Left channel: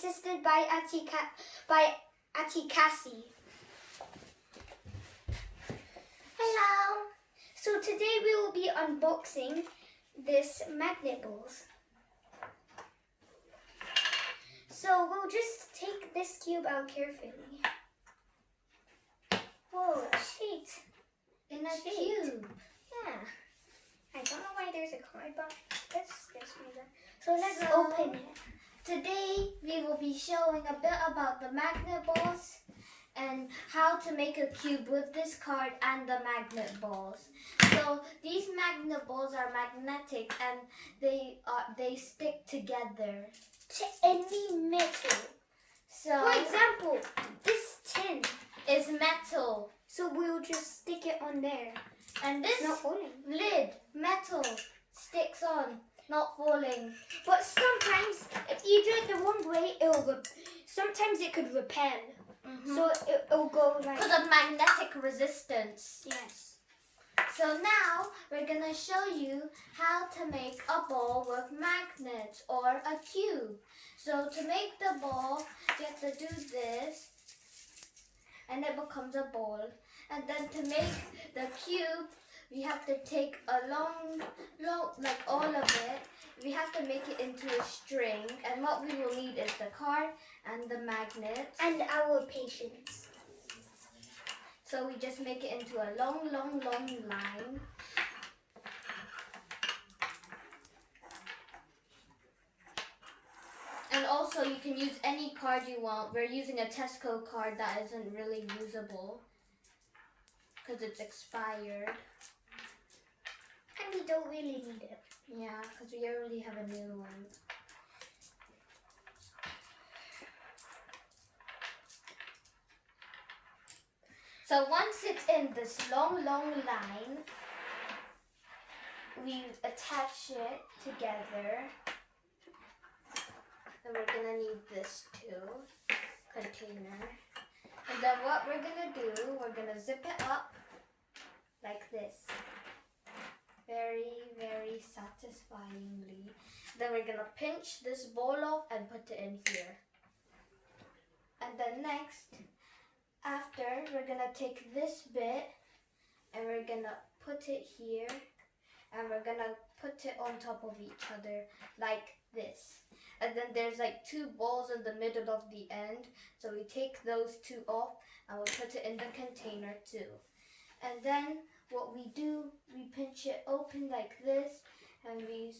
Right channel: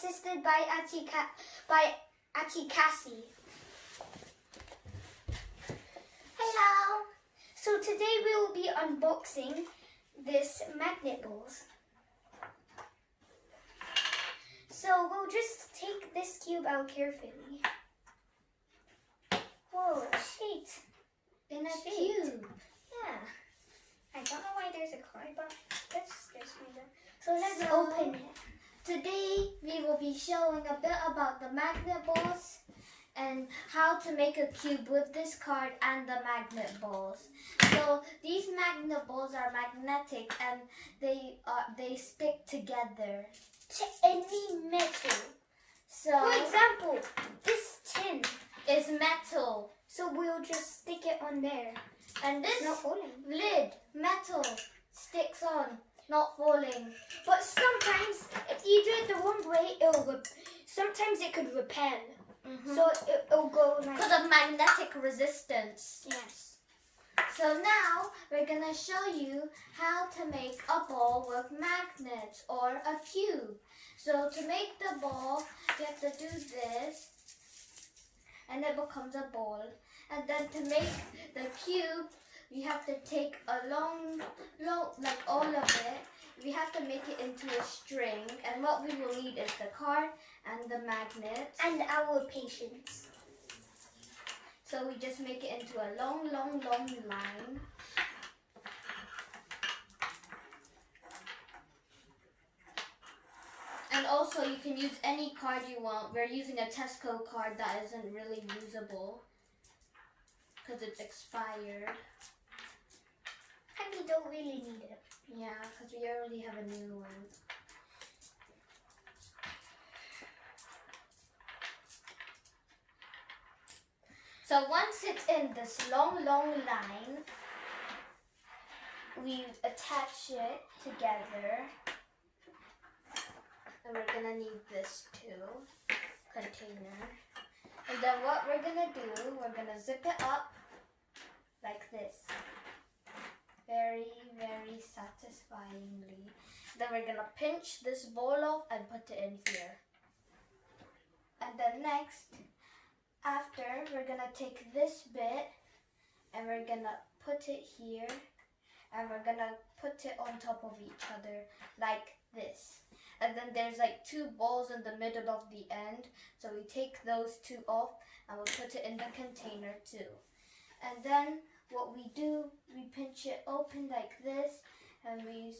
assisted by Auntie Cassie. Hello. So today we will be unboxing this magnet balls. So we'll just take this cube out carefully. Whoa, shit. In a cube. Yeah. I don't know why there's a card, but there's one. So let's open it. Today we will be showing a bit about the magnet balls and how to make a cube with this card and the magnet balls. So these magnet balls are magnetic and they stick together to any metal. So for example, this tin is metal. So we'll just stick it on there. And this lid, metal, sticks on, not falling. But sometimes, if you do it the wrong way, sometimes it could repel. So it'll go like... because of magnetic resistance. Yes. So now, we're going to show you how to make a ball with magnets or a cube. So to make the ball, you have to do this. And it becomes a ball. And then to make the cube, we have to take a long, like all of it. We have to make it into a string. And what we will need is the card and the magnet. And our patience. So we just make it into a long line. And also you can use any card you want. We're using a Tesco card that isn't really usable because it's expired. And we don't really need it. Yeah, because we already have a new one. So once it's in this long line, we attach it together. And we're gonna need this too, container. And then what we're gonna do, we're gonna zip it up like this. Very satisfyingly. Then we're gonna pinch this ball off and put it in here. And then next, after, we're gonna take this bit and we're gonna put it here. And we're gonna put it on top of each other like this. And then there's like two balls in the middle of the end. So we take those two off and we'll put it in the container too. And then what we do, we pinch it open like this and we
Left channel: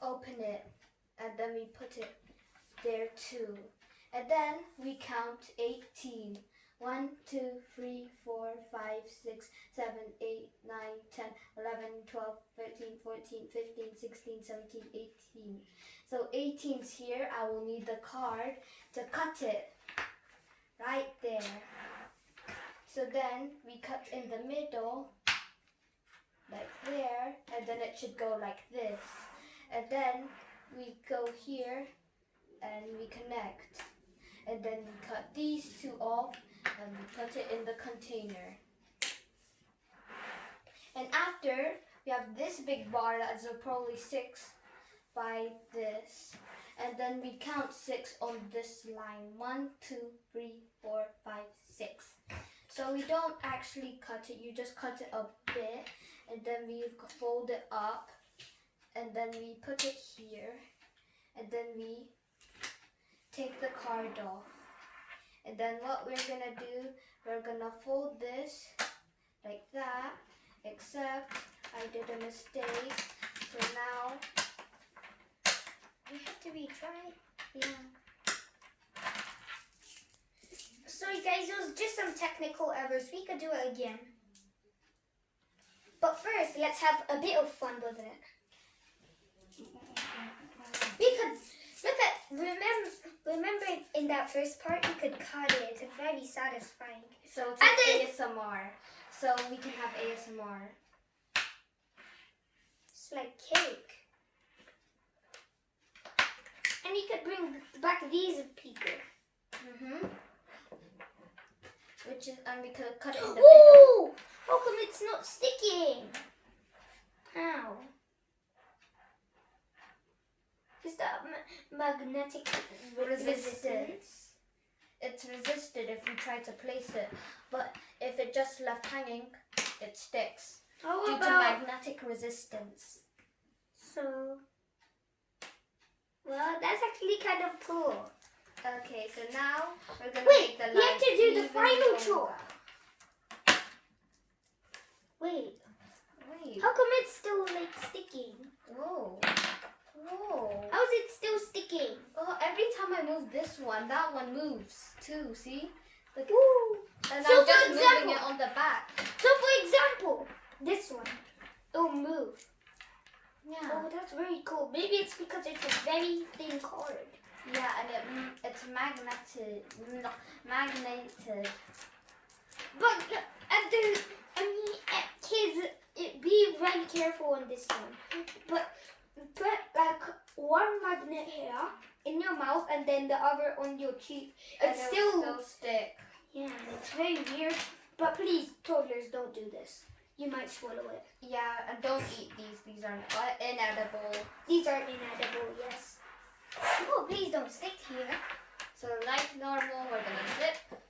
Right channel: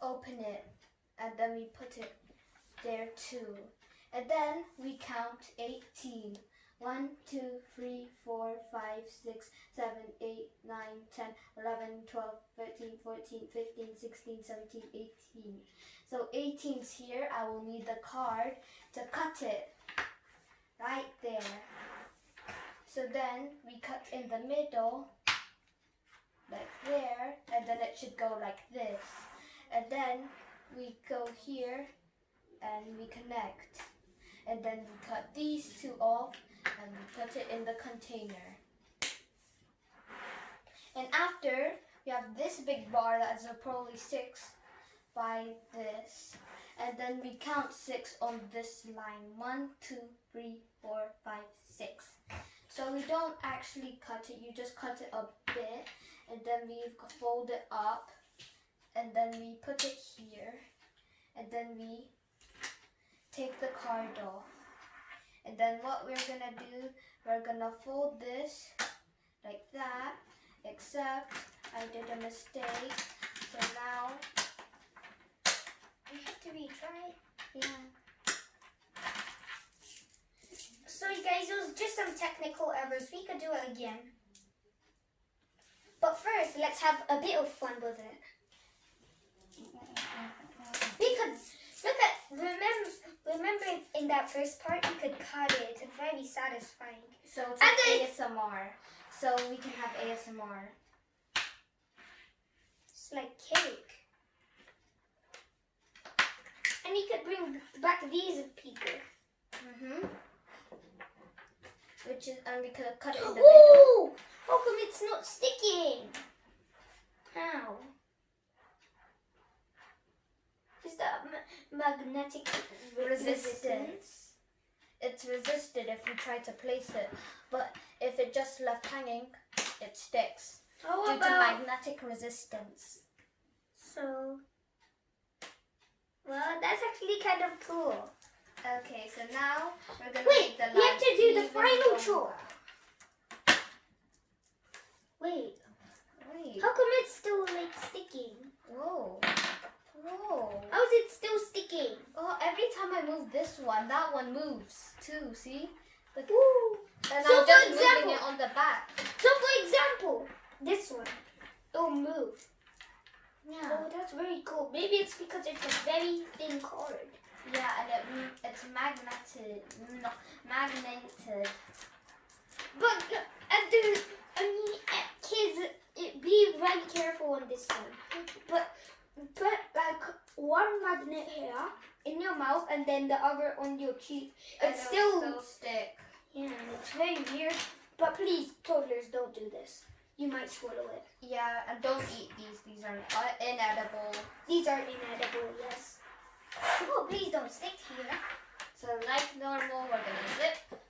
open it. And then we put it there too. And then we count 18. 1, 2, 3, 4, 5, 6, 7, 8, 9, 10, 11, 12, 13, 14, 15, 16, 17, 18. So 18's here. I will need the card to cut it right there. So then we cut in the middle, like there, and then it should go like this. And then we go here and we connect. And then we cut these two off and we put it in the container. And after, we have this big bar that is probably 6 by this. And then we count 6 on this line. 1, 2, 3, 4, 5, 6. So we don't actually cut it, you just cut it a bit. And then we fold it up. And then we put it here. And then we take the card off. And then what we're gonna do, we're gonna fold this like that, except I did a mistake. So now we have to retry. Yeah. Sorry guys, it was just some technical errors. We could do it again. But first, let's have a bit of fun with it. We could look at remember in that first part we could cut it. It's very satisfying. So it's like ASMR. So we can have ASMR. It's like cake. And you could bring back these people. Which is, and we could cut it in the middle. Ooh! How come it's not sticking? How? Is that magnetic resistance. It's resisted if you try to place it, but if it just left hanging, it sticks How due to about magnetic resistance. so? Well, that's actually kind of cool. Okay, so now we're gonna Wait, make the line. we have to do the even final longer. chop. Wait, Wait. how come it's still like sticking? Whoa. Whoa. How is it still sticking? Oh, every time I move this one, that one moves too. See? Look. Woo. And So I'm just for moving example- it on the back. So for example, this one, it'll move. Yeah. Oh, that's very cool. Maybe it's because it's a very thin cord. Yeah, and it's magneted. But kids, be very careful on this one. But put like one magnet here in your mouth and then the other on your cheek. And It's it'll still stick. yeah, and it's very weird. But please, toddlers, don't do this. You might swallow it. Yeah, and don't eat these. These are inedible. These are inedible, yes. Oh, please don't stick here. So like normal, we're gonna zip.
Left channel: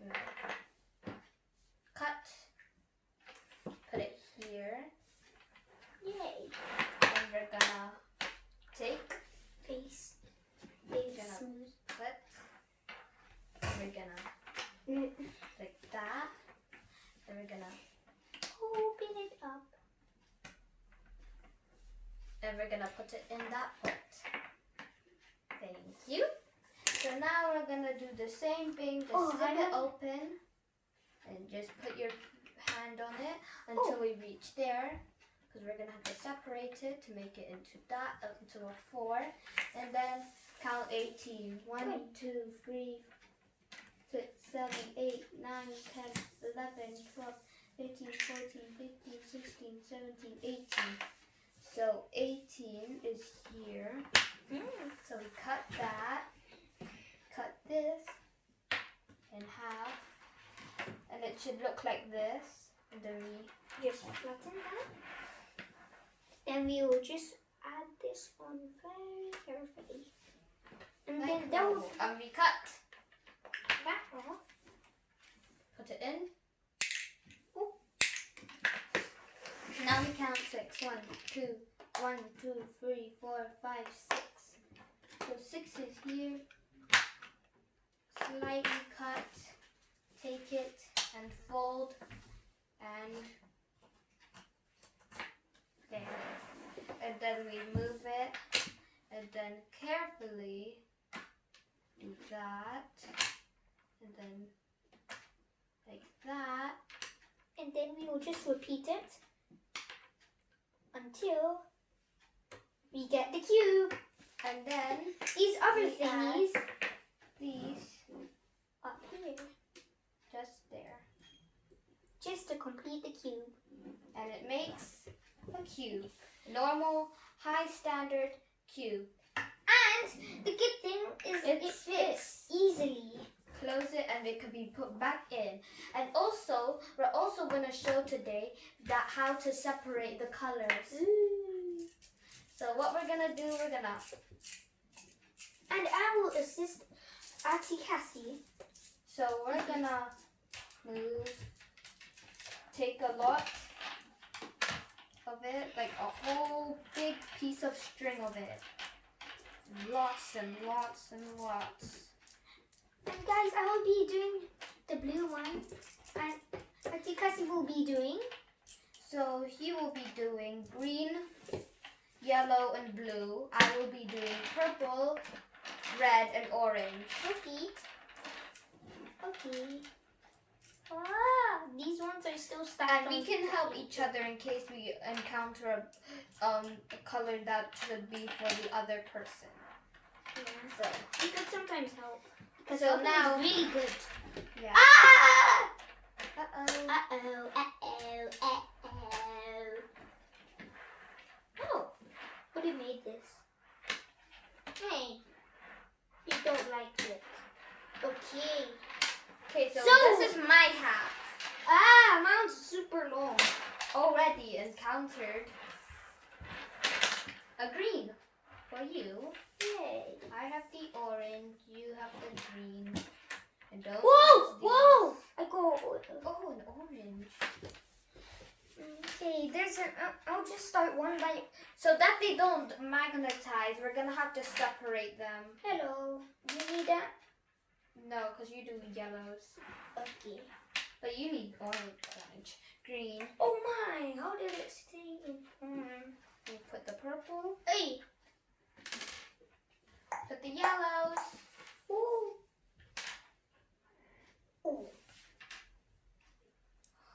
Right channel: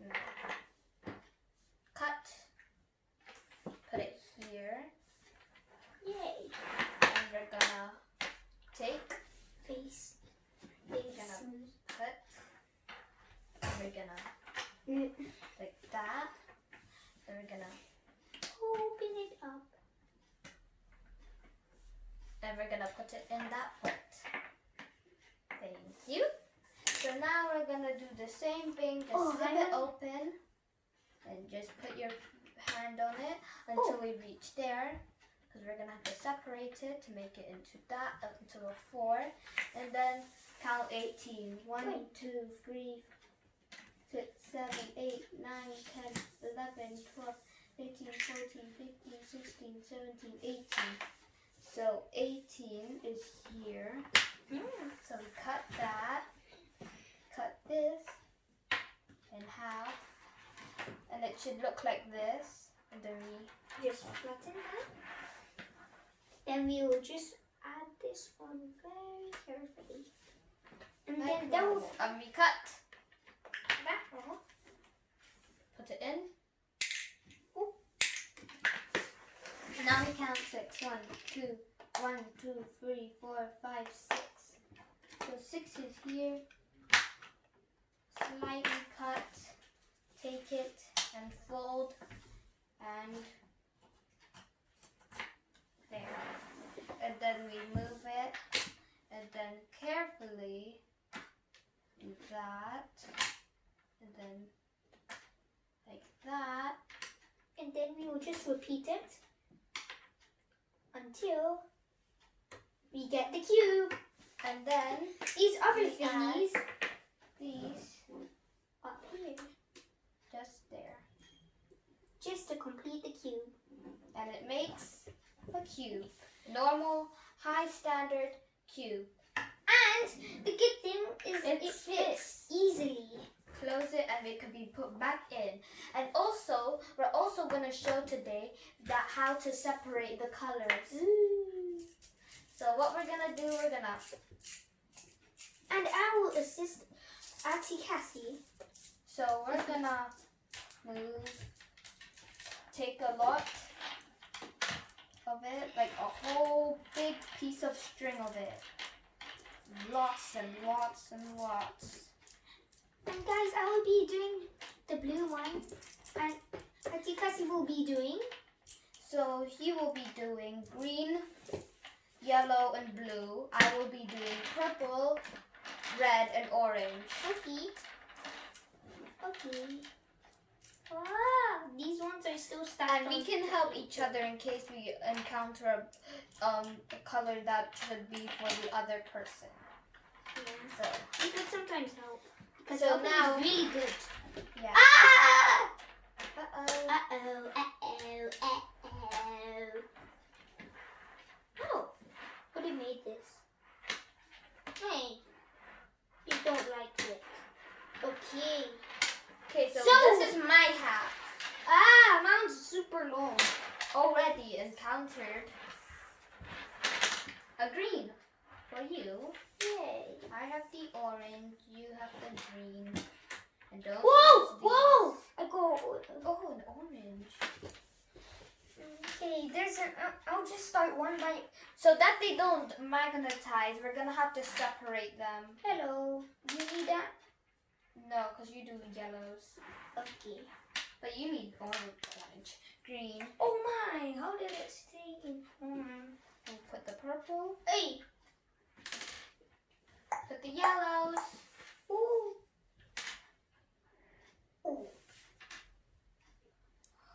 No. Cut. Put it here. Yay. And we're gonna take. Face. Gonna Smooth. cut. And we're gonna like that. And we're gonna Open it up. and we're gonna put it in that pot. Thank you. So now we're gonna do the same thing. Just leave it open and just put your hand on it until we reach there. Because we're gonna have to separate it to make it into that, into a 4. And then count 18. 1, 2, 3, 6, 7, 8, 9, 10, 11, 12, 13, 14, 15, 16, 17, 18. So 18 is here. So we cut that, cut this in half, and it should look like this. And then we Just flatten that. Then we will just add this on very carefully. And then that will and we cut. back off. Put it in. Ooh. Now we count 6. 1, 2, 1, 2, 3, 4, 5, 6. So 6 is here. Slightly cut. Take it and fold. And there. And then we move it. And then carefully do that. And then like that. And then we will just repeat it until we get the cube. And then These other we add thingies these up here, just there. just to complete the cube. And it makes a cube. Normal, high standard cube. And the good thing is It it fits easily. Close it and it can be put back in. And also, we're also going to show today that how to separate the colors. So what we're going to do, we're going to... And I will assist Auntie Cassie. So we're going to move, take a lot of it, like a whole big piece of string of it. Lots and lots and lots. And guys, I will be doing the blue one. And Auntie Cassie will be doing. So he will be doing green, yellow, and blue. I will be doing purple, red, and orange. Okay. Okay. Wow, these ones are still stacked. And we can help each other in case we encounter a color that should be for the other person. Yeah. So, It could sometimes help. Because So helping now- is really good. yeah. Ah! Uh-oh. Uh-oh, uh-oh, uh-oh. Oh, who made this? Hey, you don't like it. Okay. Okay, so So- this is my hat. Ah, mine's super long. Already encountered a green for you. Yay. I have the orange, you have the green. And don't Whoa! use these. Whoa! I go. Oh, an orange. Okay, there's an. I'll just start one by. So that they don't magnetize, we're gonna have to separate them. Hello. Do you need that? No, because you do yellows. Okay. But you need orange, green. Oh my! How did it stay in form? And put the purple. Hey. Put the yellows. Ooh. Ooh.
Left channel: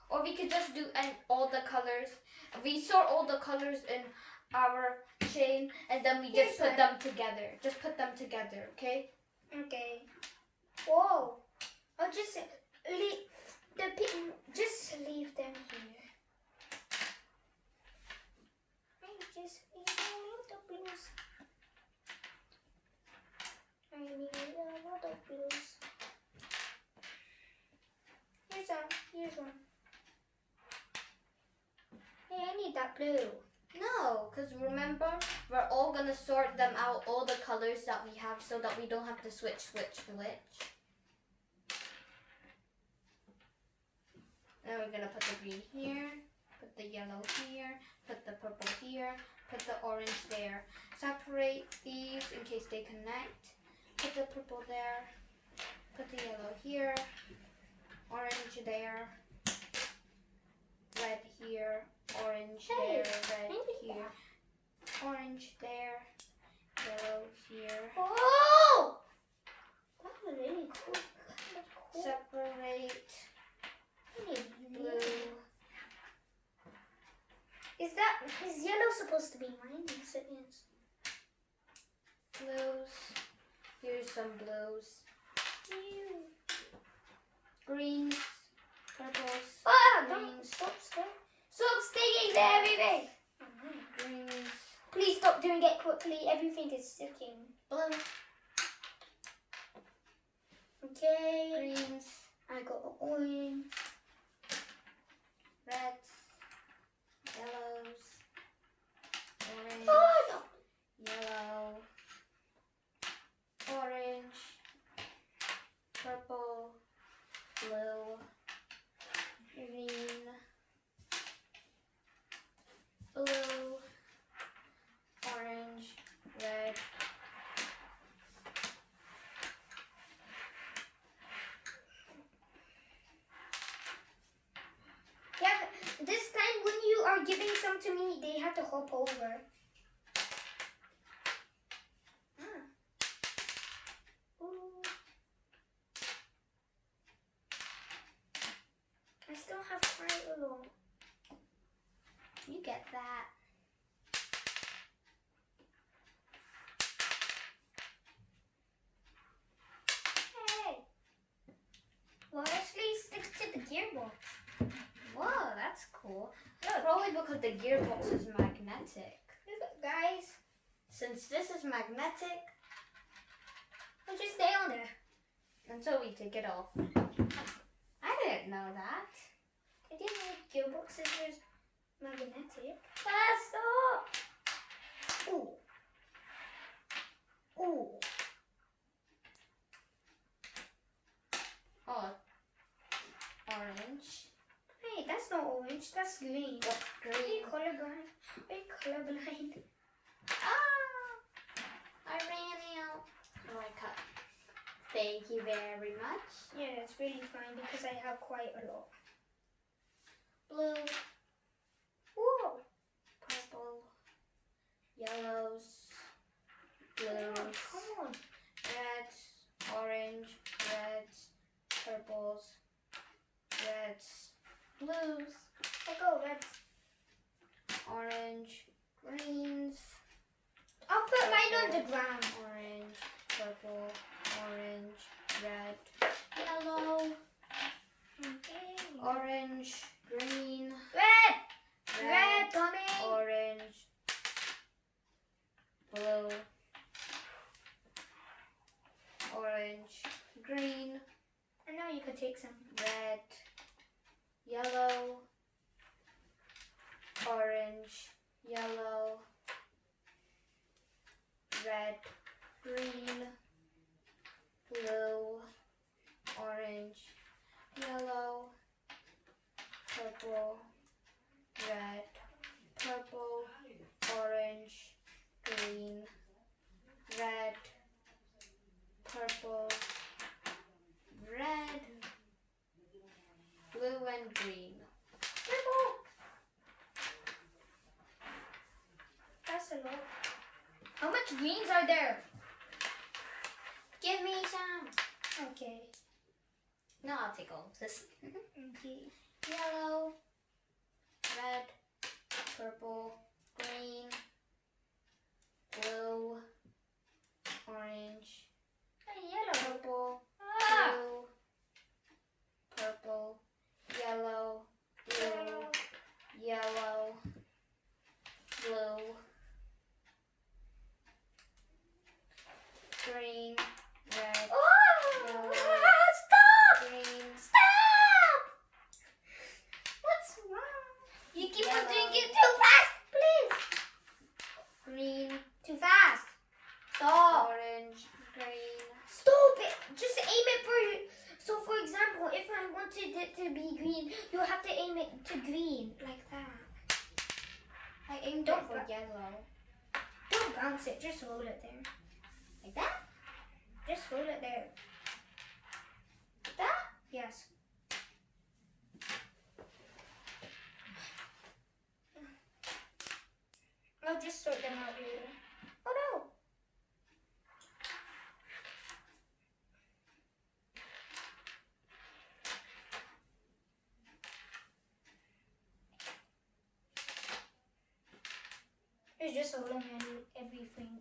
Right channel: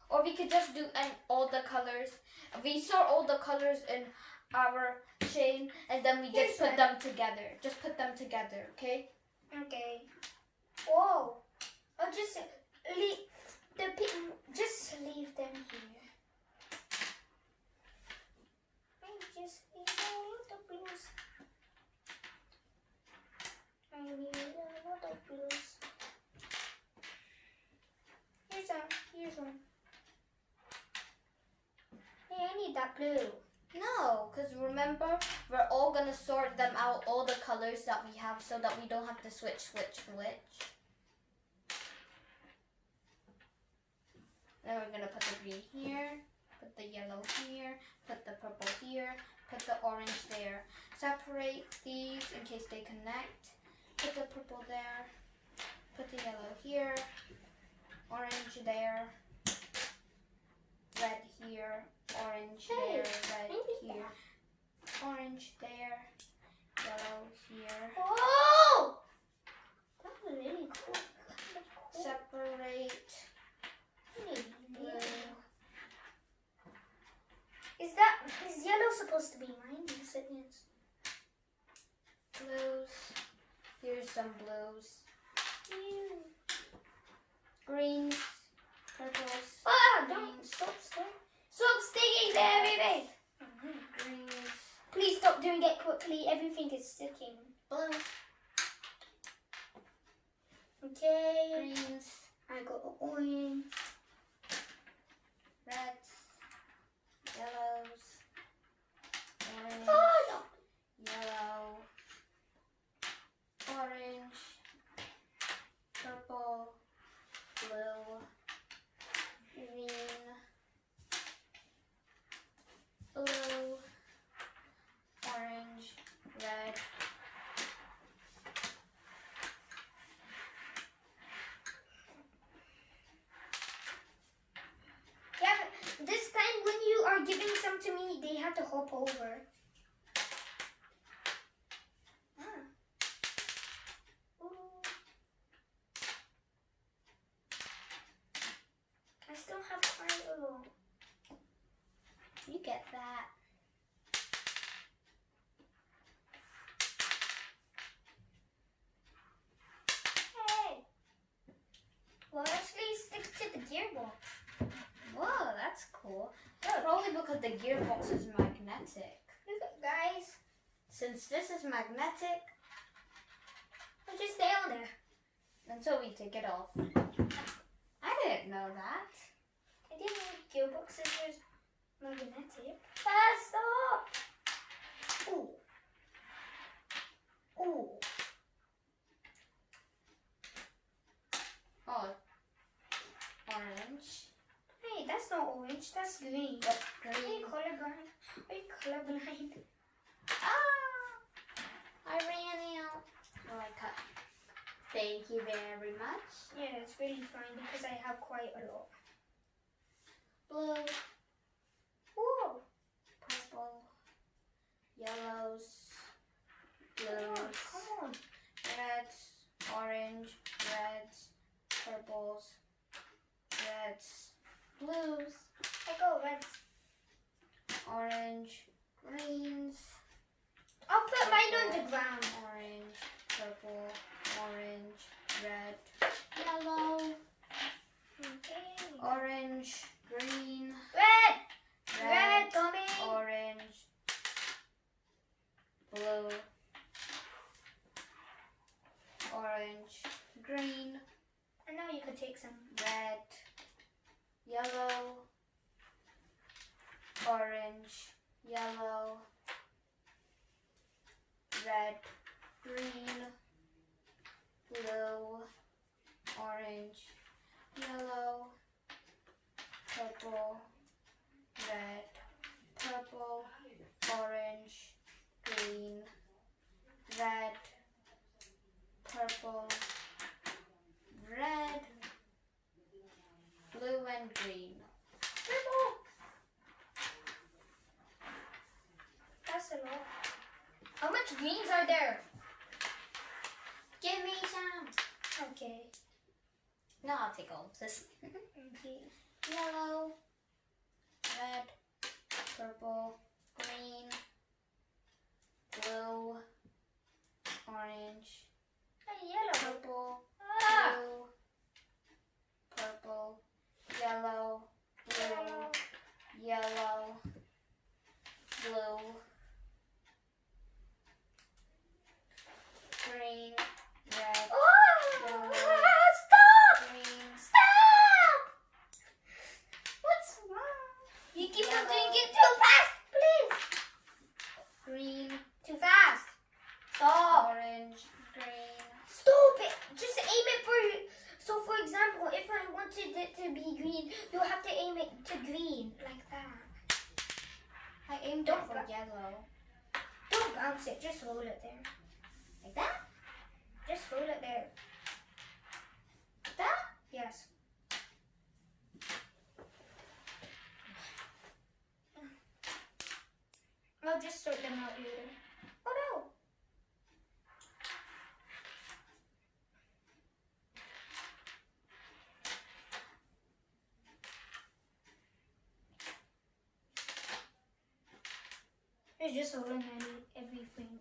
Or we could just do all the colors. We sort all the colors in our chain and then we just put them together. Just put them together, okay? Okay. Whoa. I'll just leave just leave them here. I just need a lot of blues. I need a lot of blues. Here's some. Here's one. Hey, I need that blue. No, because remember, we're all going to sort them out, all the colors that we have, so that we don't have to switch. Then we're going to put the green here, put the yellow here, put the purple here, put the orange there. Separate these in case they connect. Put the purple there, put the yellow here, orange there, red here, orange there, red here, orange there, yellow here. Oh! That was really cool. Separate blue. Is yellow supposed to be mine? Yes, it is. Blues. Here's some blues. Greens, purples, Don't greens, stop sticking there, baby. greens, Please stop doing it quickly. Everything is sticking. blue, Okay. greens, I got the orange. reds, yellows, orange, Oh no. yellow, orange, purple, blue, green, blue, orange, red. Yeah, but this time when you are giving some to me, they have to hop over. Ooh. I still have quite a lot. You get that. Hey. Well, actually stick to the gearbox. Whoa, that's cool. Probably because the gearbox is magnetic. Look, guys. Since this is magnetic, I'll just stay on there. until we take it off. I didn't know that. I didn't know gearboxes were magnetic. Stop! Ooh. Ooh. Oh, orange. Hey, that's not orange. That's green. What, Are you green? colorblind? Are you colorblind? Ah! I ran out. Oh, I cut. Thank you very much. Yeah, it's really fine because I have quite a lot. Blue, Whoa! purple, yellows, Come on, blues, come on. reds, orange, reds, purples, reds, blues, I go reds. orange, greens, I'll put mine on the ground. orange, purple, orange, red, yellow, Okay. orange, green, Red! red, Red, Tommy! orange, blue, orange, green, And now you can take some. red, yellow, orange, yellow, red, green, blue, orange, yellow, purple, red, purple, orange, green, red, purple, red, blue and green. That's a lot. How much greens are there? Give me some. Okay. No, I'll take all of this. Okay. Yellow, red, purple, green, blue, orange, Yellow. purple, Ah. blue, purple, yellow, blue, yellow, blue, green, red, Oh! yellow, Stop! green, Stop! what's wrong? You keep on Yellow. doing it too fast, please. Green, Too fast. Stop. orange, green. Stop it. Just aim it for. So, for example, if I wanted it to be green, you have to aim it to green like that. I aimed Don't it for ba- yellow. Don't bounce it. Just hold it there. Like that? Just hold it there. Like that? Yes. I'll just sort them out later. Oh no! It's just holding everything.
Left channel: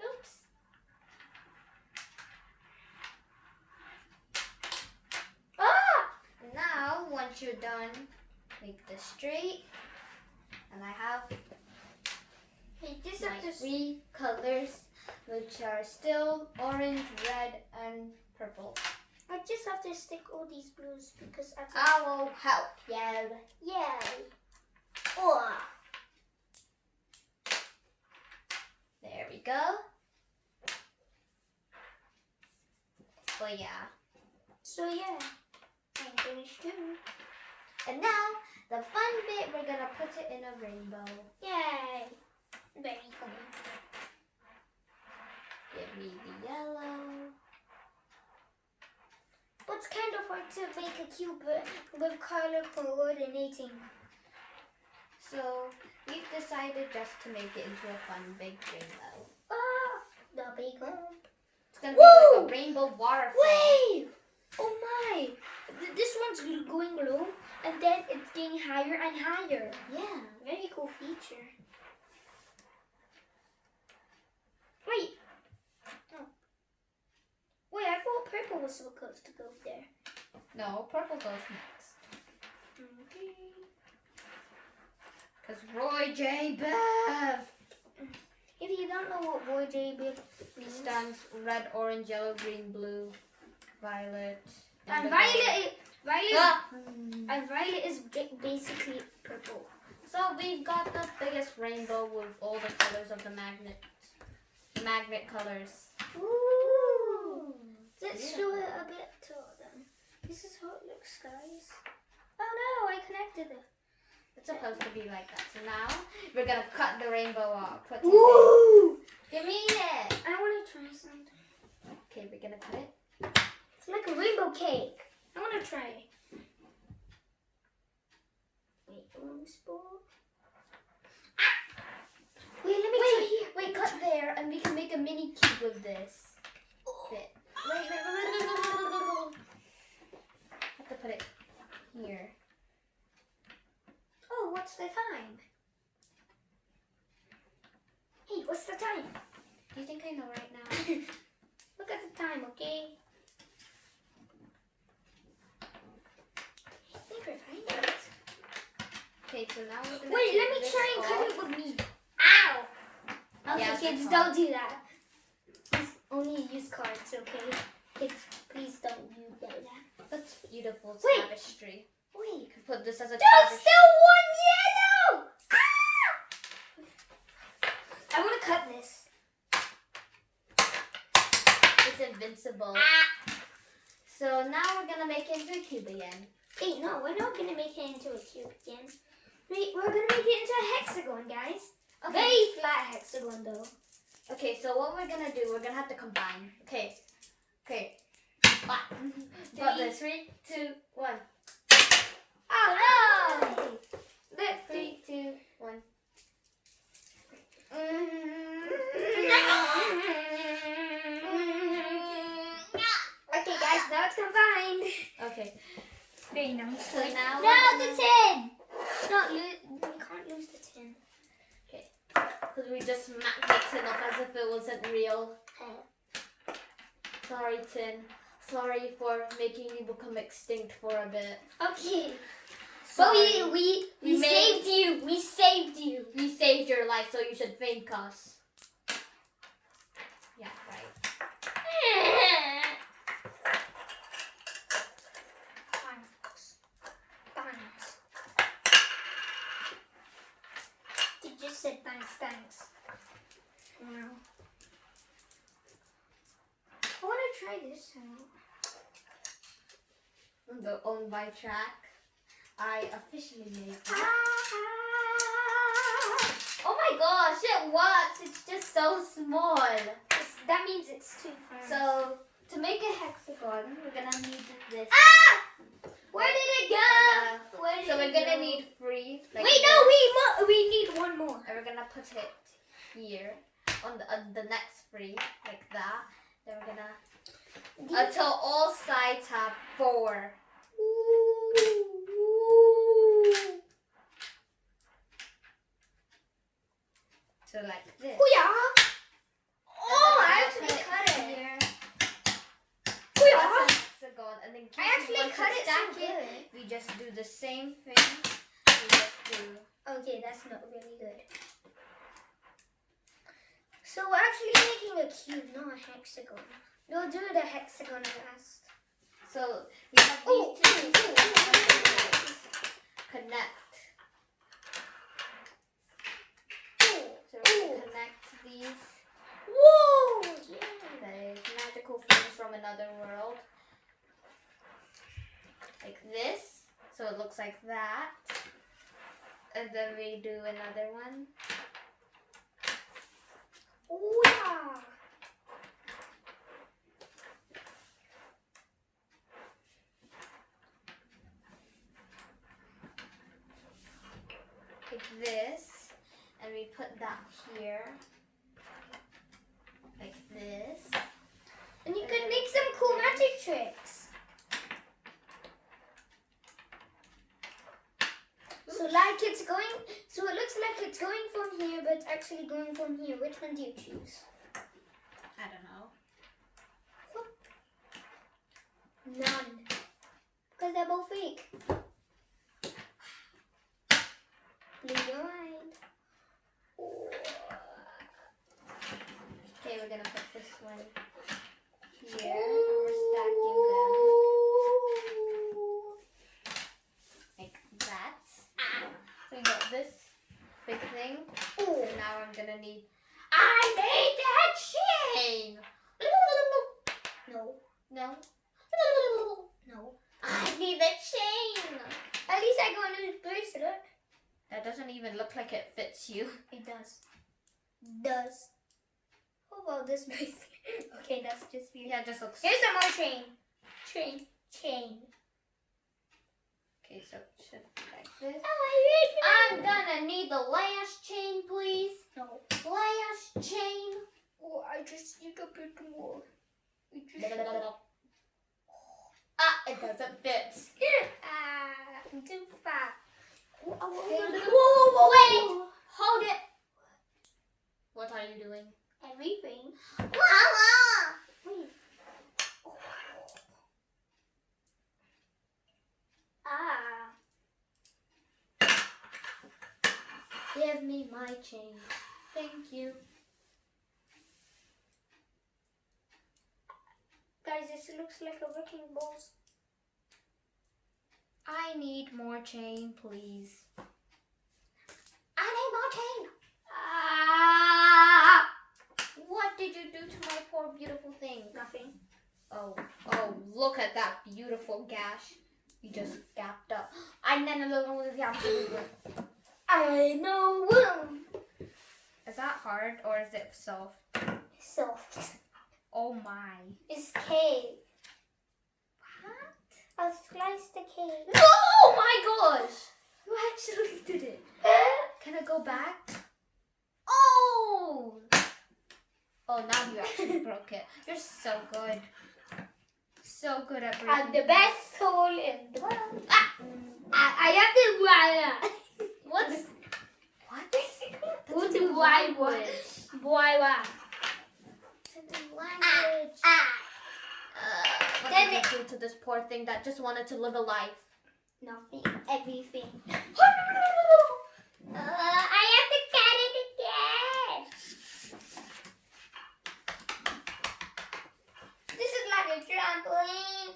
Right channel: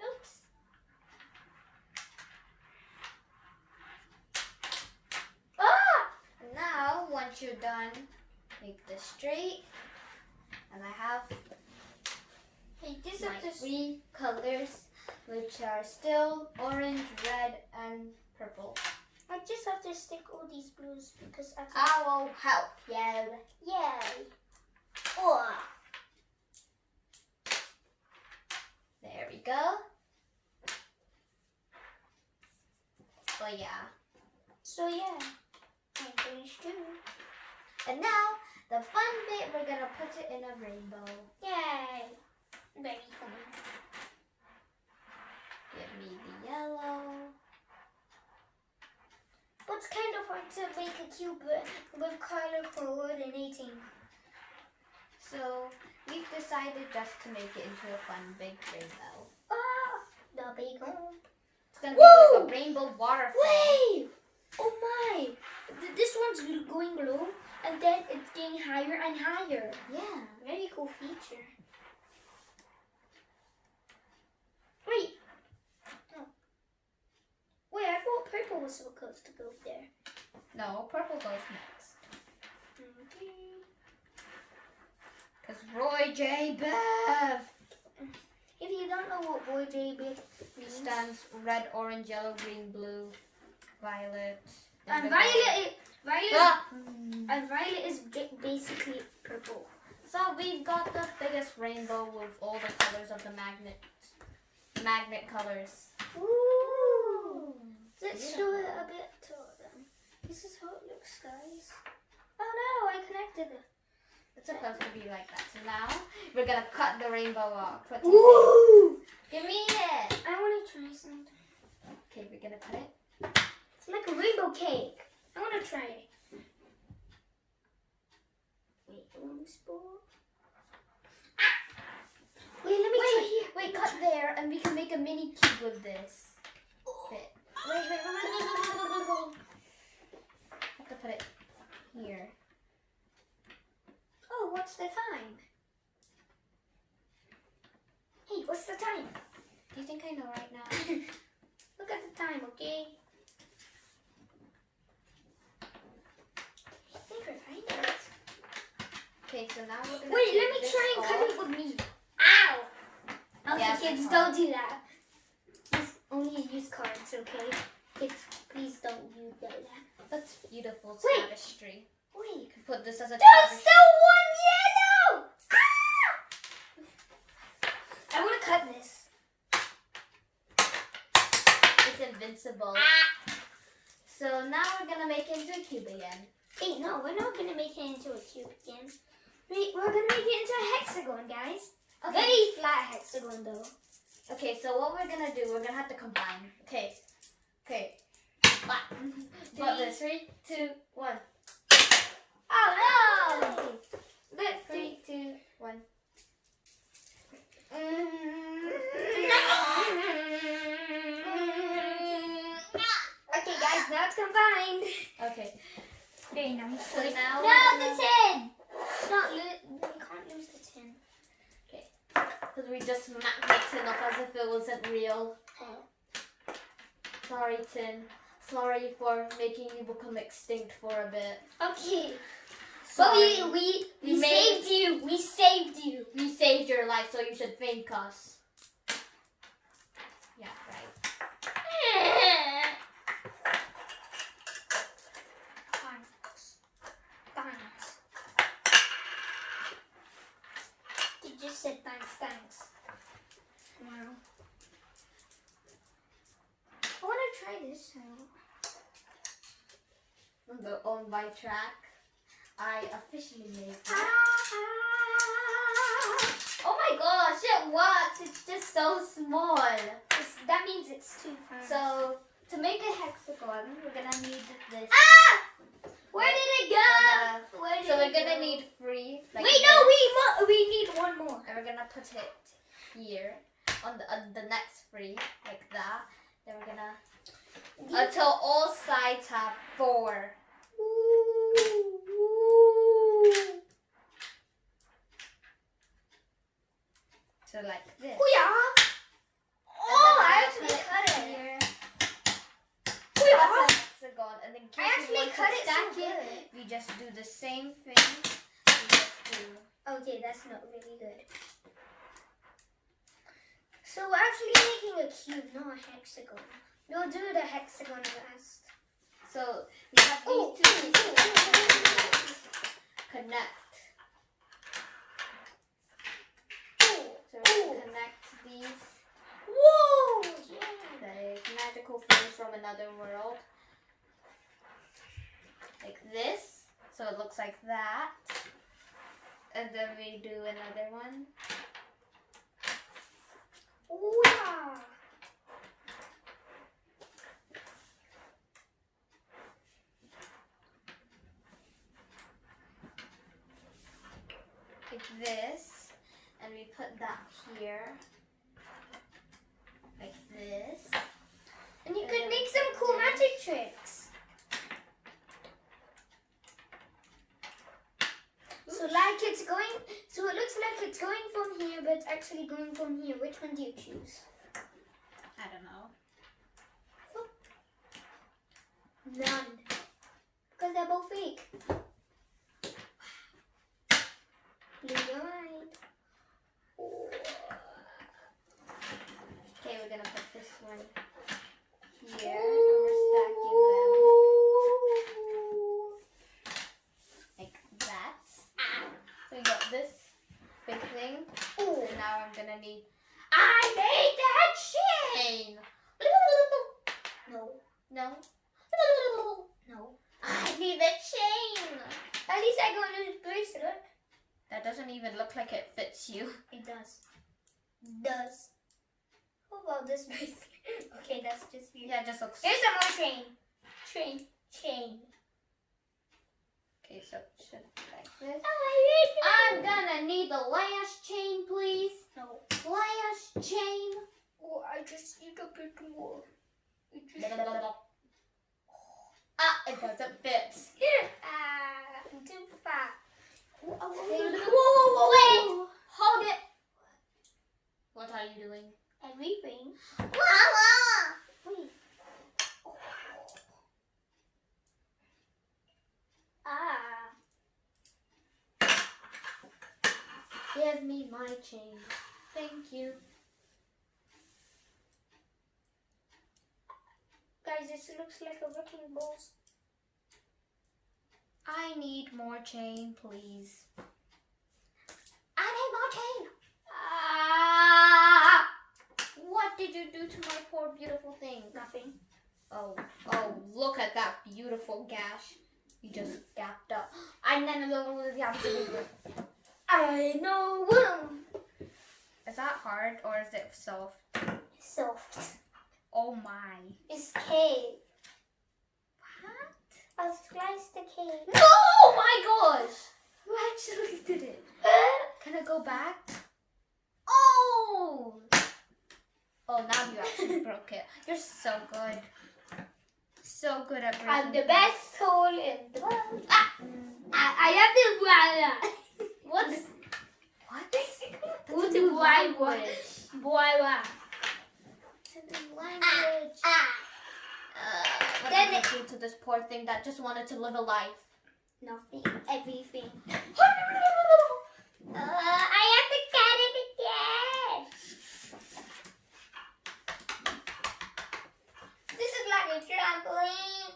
Oops. Ah! Now, once you're done, make this straight. And I have Hey, just my have to. 3 colors, which are still orange, red, and purple. I just have to stick all these blues because I I will help you. Yay! Oh. There we go. Oh yeah. So yeah, I'm finished too. And now, the fun bit, we're gonna put it in a rainbow. Yay! Very fun. Give me the yellow. But it's kind of hard to make a cube with color coordinating. So, we've decided just to make it into a fun big rainbow. Ah, the big one. It's gonna be Whoa! like a rainbow waterfall. Wait! Oh my! This one's going low, and then it's getting higher and higher. Yeah. Very cool feature. Wait. Oh. Wait, I thought purple was supposed to go there. No, purple goes next. Okay. Because Roy J. Bev If you don't know what Boy J means, stands red, orange, yellow, green, blue, violet. and indigo. Violet is basically purple. So we've got the biggest rainbow with all the colors of the magnet colors. Ooh. Let's Beautiful. show it a bit to them. This is how it looks, guys. Oh no, I connected it. It's supposed to be like that. So now we're gonna cut the rainbow off. Put Ooh! Give me it. I want to try something. Okay, we're gonna cut it. It's like a rainbow cake. I want to try it. Wait, one spoon. Ah! Wait, let me try here. Wait, cut there, and we can make a mini cube with this bit. Wait. Have to put it here. Oh, what's the time? Hey, what's the time? Do you think I know right now? Look at the time, okay? I think we're fine, guys. Okay, so now we're gonna Wait, take let me this try and cut off. it with me. Ow! Okay, Yes, kids, it's don't hard. do that. Please only use cards, okay? Kids, please don't do that. That's beautiful Wait. tapestry. Wait. You can put this as a There's tradition. still one yellow! Ah! I want to cut this. It's invincible. So now we're gonna make it into a cube again. Wait, no, we're not going to make it into a cube again. Wait, we're going to make it into a hexagon, guys. Okay. Very flat hexagon, though. Okay, so what we're gonna do, we're gonna have to combine. Okay. But the 3, 2, 1. Oh, no! Let's 3, 2, 1. Okay, guys, now it's combined. Okay. Very nice. So now No, we're the gonna- tin! You can't lose the tin. Because we just smacked the tin off as if it wasn't real. Sorry, tin. Sorry for making you become extinct for a bit. Okay. But Sorry. we saved you. We saved you. We saved your life, so you should thank us. Yeah, right. Thanks. You just said thanks. Wow. I want to try this now. The owned by track. I officially made it. Oh my gosh, it works. It's just so small. That means it's too far. So, to make a hexagon, we're gonna need this. Where did it go? So we're gonna need 3. Like Wait, this. no, we need one more. And we're gonna put it here on the next 3, like that. Then we're gonna until all sides have 4. So like this. Oh yeah. Oh, And then I we're actually gonna cut put it. here. Oh, That's yeah. a hexagon, and then in I case you actually want cut to it so stack good. we just do the same thing. We just do. Okay, that's not really good. So we're actually making a cube, not a hexagon. We'll do the hexagon last. So we have these two pieces. Connect. So we're gonna connect these. Whoa! Yeah. That is magical things from another world. Like this. So it looks like that. And then we do another one. Oh yeah. Like this. And we put that here. Like this. And you could make some cool magic tricks. So like it's going, so it looks like it's going from here, but it's actually going from here. Which one do you choose? I don't know. None. Because they're both fake. Blew your mind. Oh. Okay, we're gonna put this one here. And we're stacking them like that. So we got this big thing. Oh. And now I'm gonna need. I made that chain. No. No. No. I need the chain. At least I got a new bracelet. That doesn't even look like it fits you. It does. Does. How about this bracelet? Okay, that's just you. Yeah, it just looks. Here's some more chain. Chain. Okay, so it should be like this. Oh, I'm gonna need the last chain, please. No. Last chain. Oh, I just need a bit more. Ah, it doesn't fit. I'm too fat. Whoa, Wait, hold it. What are you doing? Everything. Mama! Wait. Give me my chain. Thank you. Guys, this looks like a wrecking balls. I need more chain, please. I need more chain. What did you do to my poor beautiful thing? Nothing. Oh, look at that beautiful gash. You just gapped up. I know. I know. Is that hard or is it soft? Soft. Oh my. It's cake. What? I'll slice the cake. No! Oh my gosh! You actually did it. Can I go back? Oh! Oh, now you actually broke it. You're so good. So good at breaking. I'm the best tool in the world. I am the What's what? That's What's a new the language. Boy, It's a new language. What did you do to this poor thing that just wanted to live a life? Nothing. Everything. I have to get it again. This is like a trampoline.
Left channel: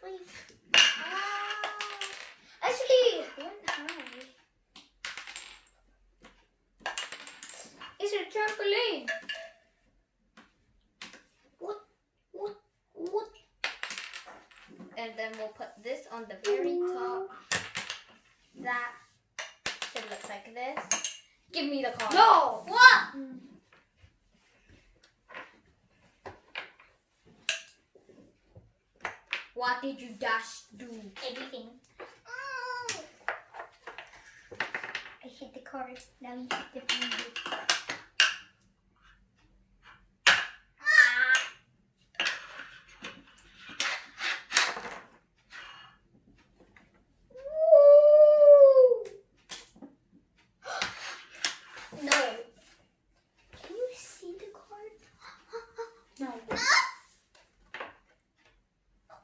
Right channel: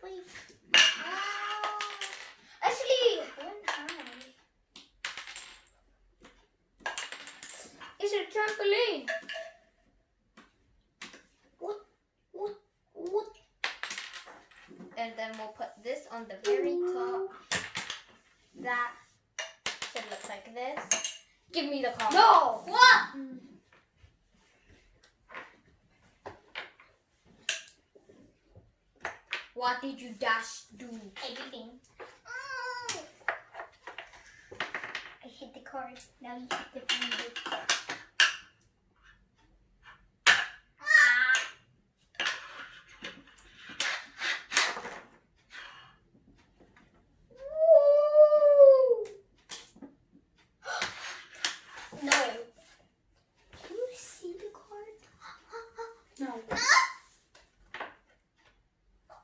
Please. Actually, one high. It's a trampoline. What? And then we'll put this on the very top. That should look like this. Give me the card. No. What? What did you dash do? Everything. I hit the card. Now you hit the finger. No. Can you see the card? No.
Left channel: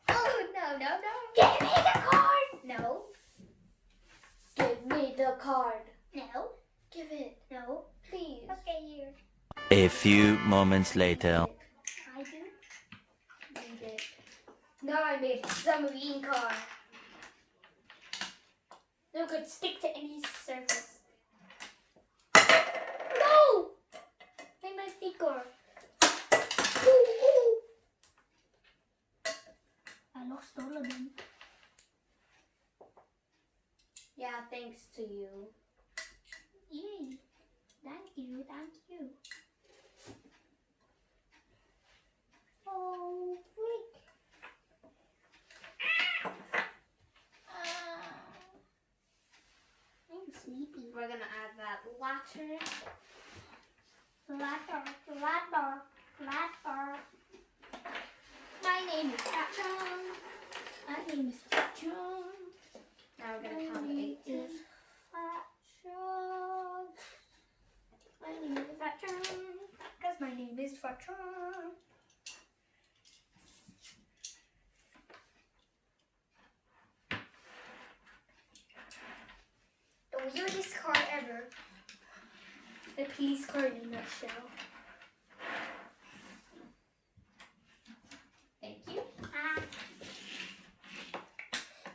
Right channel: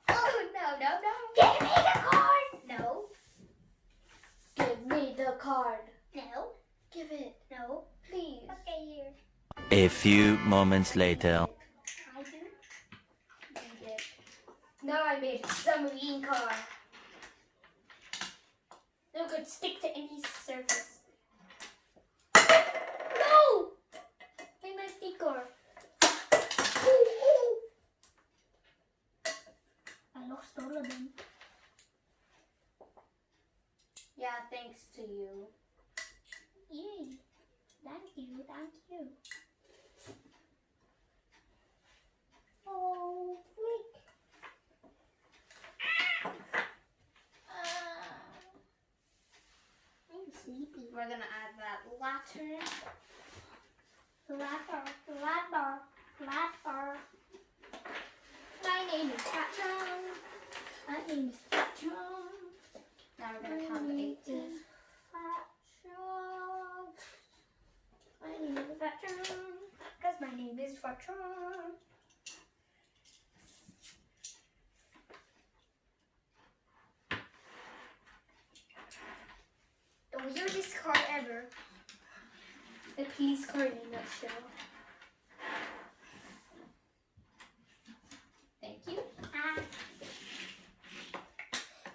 Oh, no. Give me the card. No. Give me the card. No. Give it. No. Please. Okay, here. A few moments later. I do. You did. Now I made a submarine car. No could stick to any surface. No! Made my feet car. Ooh. I lost all of them. Yeah, thanks to you. Yay. Thank you. Oh, freak. I'm sleepy. We're gonna add that latter. Flatter. My name is Patron. Now we're gonna count to 18. My name is Patron. Because my name is Patron. The weirdest card ever. The police card in a nutshell. Thank you.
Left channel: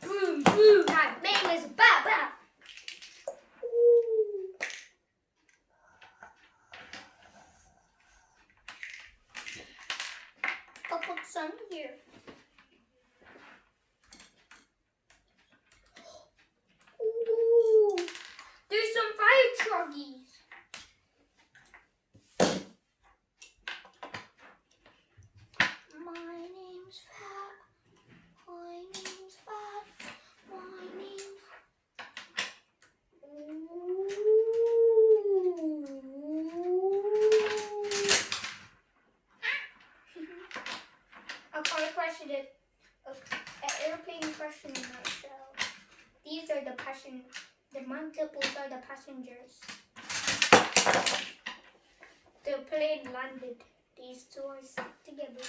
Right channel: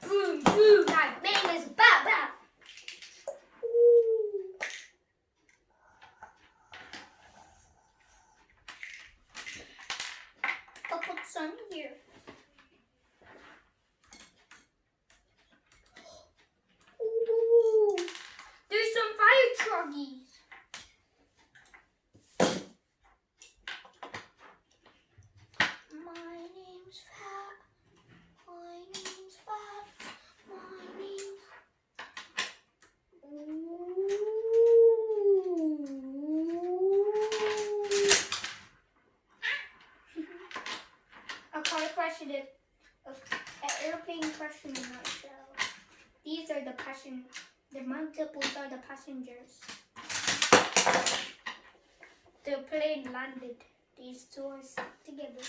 Boom. My name is Baba. I'll put some here. Ooh, there's some fire truckies. My name's Fat. My name's Fat. My name's. A car question is an airplane question in a nutshell. These are the multiples are the passengers. The plane landed. These two are stuck together.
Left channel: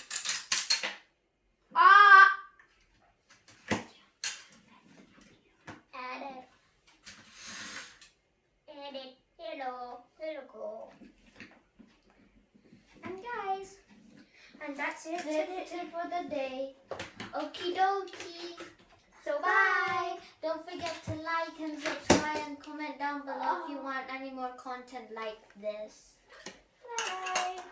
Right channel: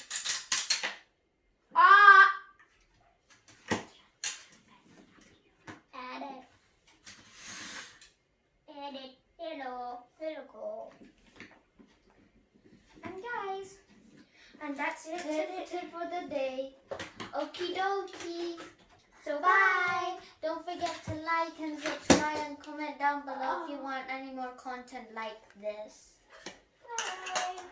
Add it. Hello, go. And guys, and that's it. That's it for the day. Okie dokie. So So bye. Don't forget to like and subscribe and comment down below if you want any more content like this. Bye.